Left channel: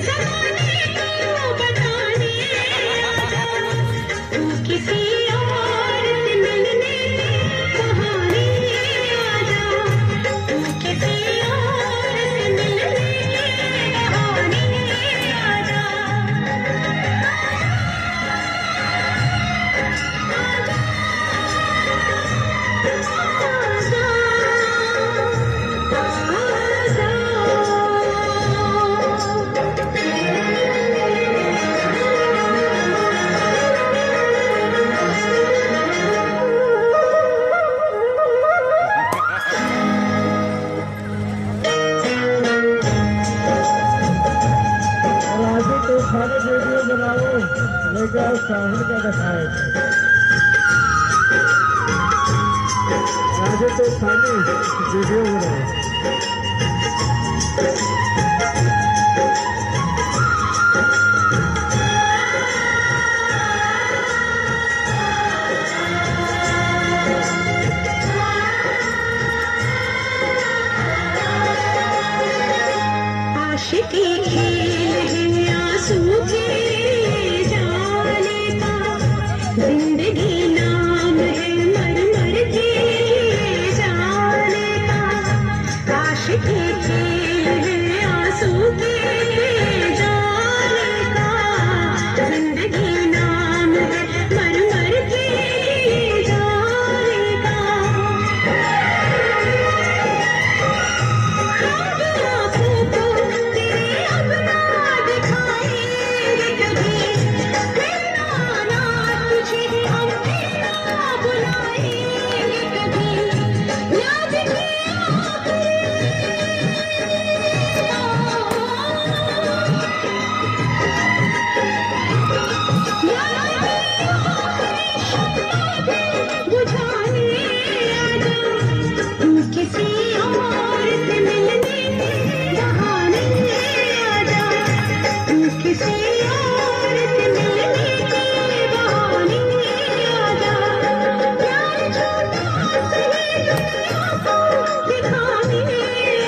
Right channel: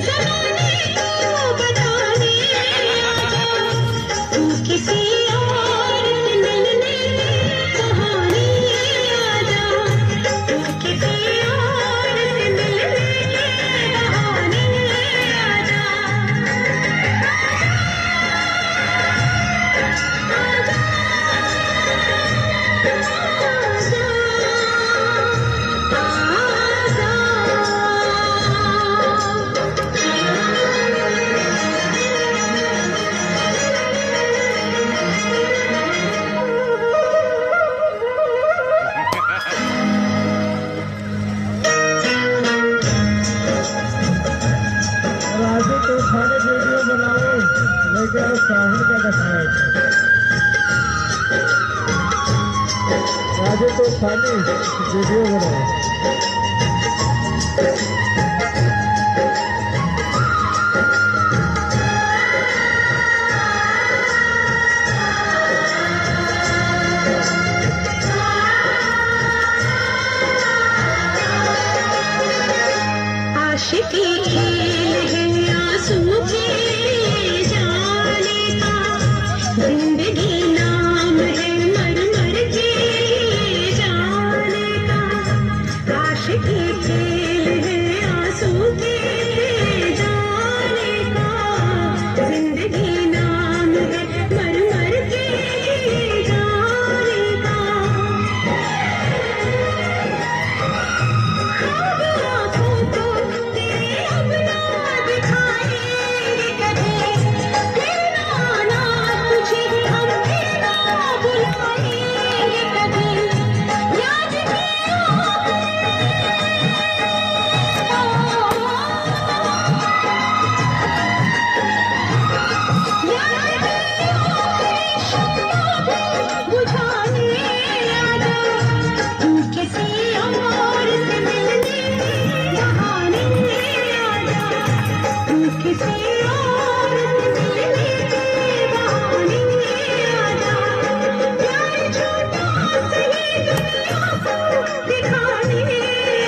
ज़माने को बताने आजा, तू किसी और से मिलने बहाने आजा, तू किसी और से मिलने बहाने आजा, राजू तो खाने वीडियो बनाओ, लेके आओ साहिल का दिखाओ। राजू तो खाने वीडियो बनाओ। आशिकी खेल है आंसू के जाने का, जिंदगी नाम है मर मर के जाने का, आशिकी खेल है आंसू के जाने का, जिंदगी नाम है मर मर के जाने का, ख्वाब आँखों को तेरे अब ना दिखाएंगे कभी, फिर आना तुझे हम फिर ना बुलाएंगे कभी, याद किया बुझाने आजा, तू किसी और से मिलने बहाने आजा, तू किसी और से मिलने बहाने आजा, प्यार छोटा सही दुनिया को दिखाने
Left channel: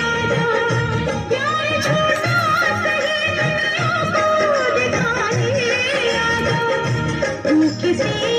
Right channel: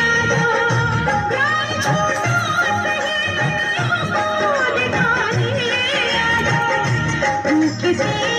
आजा, प्यार छोटा सही दुनिया को दिखाने आजा, तू किसी